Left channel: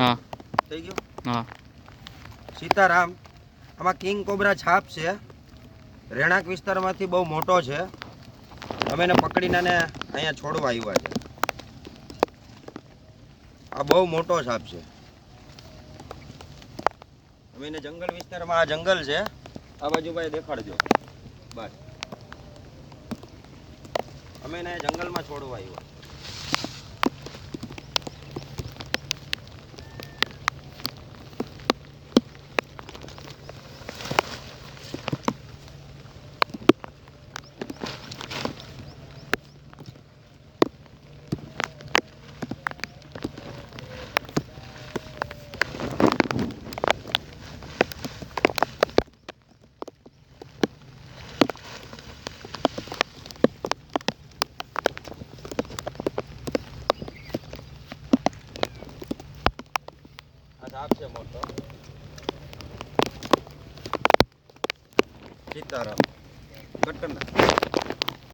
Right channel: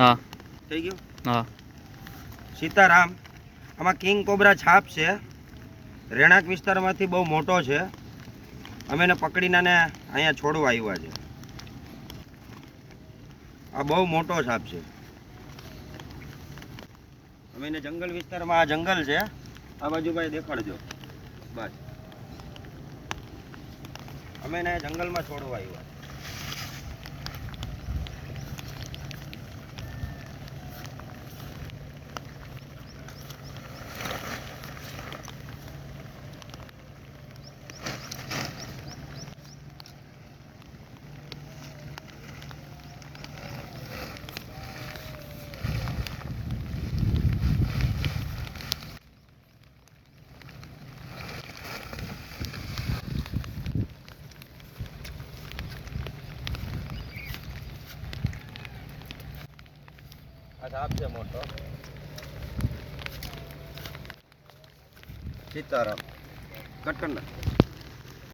હા થઈ ગયું. હા સીતારામ. આમાં કિંગ કોબરા છાપ છે. રહેણાંક વિસ્તારમાંથી બહુ મોટો છે. અમે એને પકડીને અહીંયા છોડવા આવ્યા છે. આ બહુ મોટો સાપ છે. અમે એને જંગલ વિસ્તારમાં, આ જંગલ છે, આ બાજુ ભાઈ દેખાડજો બસ. અમે એને જંગલમાં છોડવા આવ્યા. સાપ છે મોટો. સીતારામ કટન.